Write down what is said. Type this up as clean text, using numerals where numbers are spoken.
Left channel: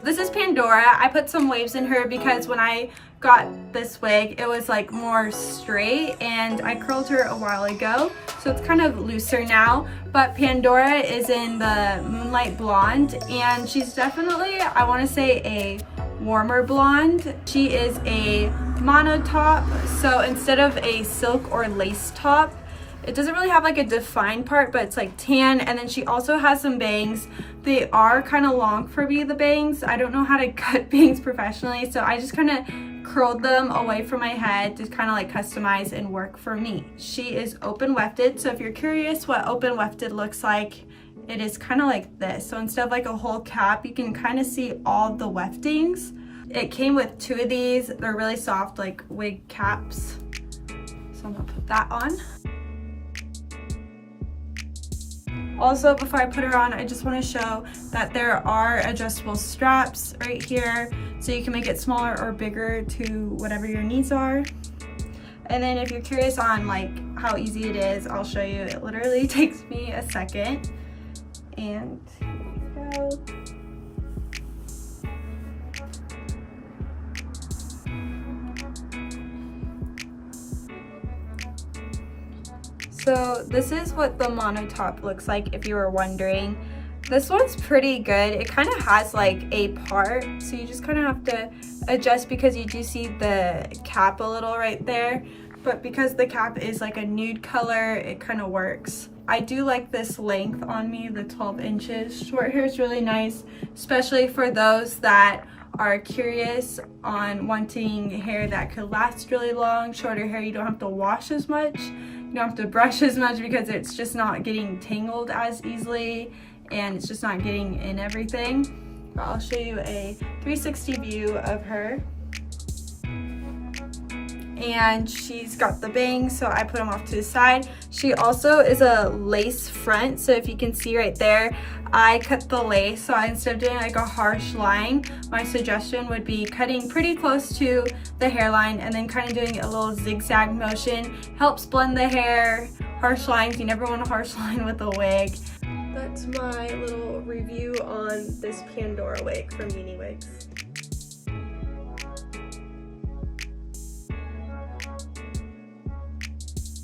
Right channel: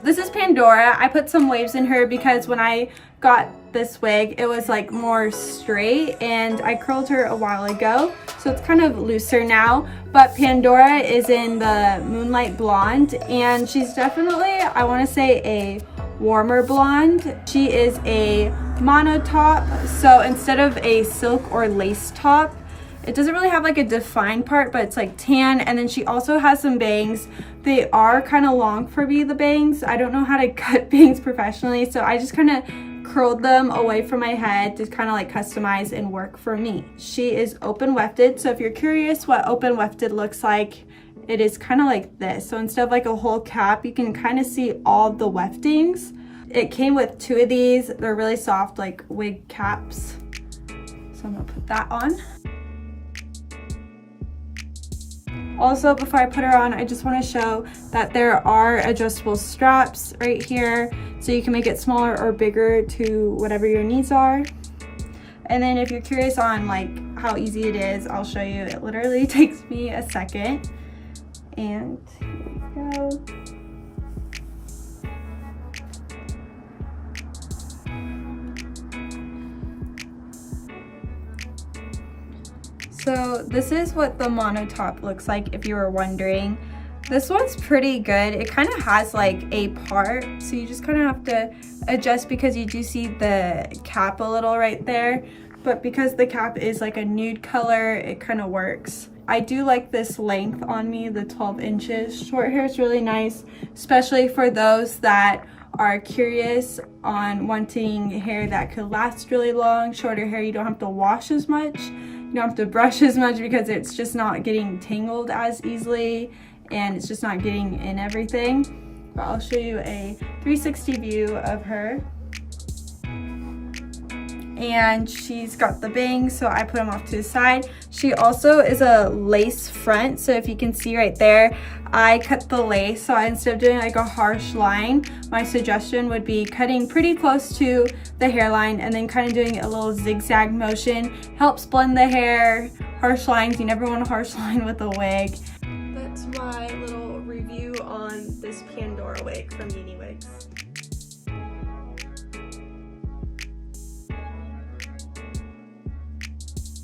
This is Pandora. I put some waves in her because when I got this wig, it was like more straight and I curled her a while ago. So it's kind of looser now. But Pandora is in the Moonlight Blonde and she's definitely, I want to say, a warmer blonde. She is a mono top. So instead of a silk or lace top, it doesn't really have like a defined part, but it's like tan. And then she also has some bangs. They are kind of long for me, the bangs. I don't know how to cut bangs professionally, so I just kind of curled them away from my head to kind of like customize and work for me. She is open wefted, so if you're curious what open wefted looks like, it is kind of like this. So instead of like a whole cap, you can kind of see all the weftings. It came with 2 of these. They're really soft, like wig caps. So I'm gonna put that on. Also, before I put her on, I just want to show that there are adjustable straps right here, so you can make it smaller or bigger to whatever your needs are. And then if you're curious on like how easy it is, I'll show you. It literally takes me a second. And here we go. So this is what the mono top looks like, if you were wondering. This one's pretty good. It kind of has like a part, so you just kind of have to adjust because you do see the cap a little right there. But because the cap is like a nude color, it kind of works. I do like this length on me, the 12 inches. Short hair is really nice, especially for those that are curious on wanting hair that could last really long. Shorter hair, you don't have to wash as much. You don't have to brush as much because it's just not getting tangled as easily and it's just not getting in everything. But I'll show you a 360 view of her. And she's got the bangs, so I put them off to the side. She also is a lace front, so if you can see right there, I cut the lace. So instead of doing like a harsh line, my suggestion would be cutting pretty close to the hairline and then kind of doing a little zigzag motion. Helps blend the hair. Harsh lines, you never want a harsh line with a wig. That's my little review on this Pandora wig from UniWigs.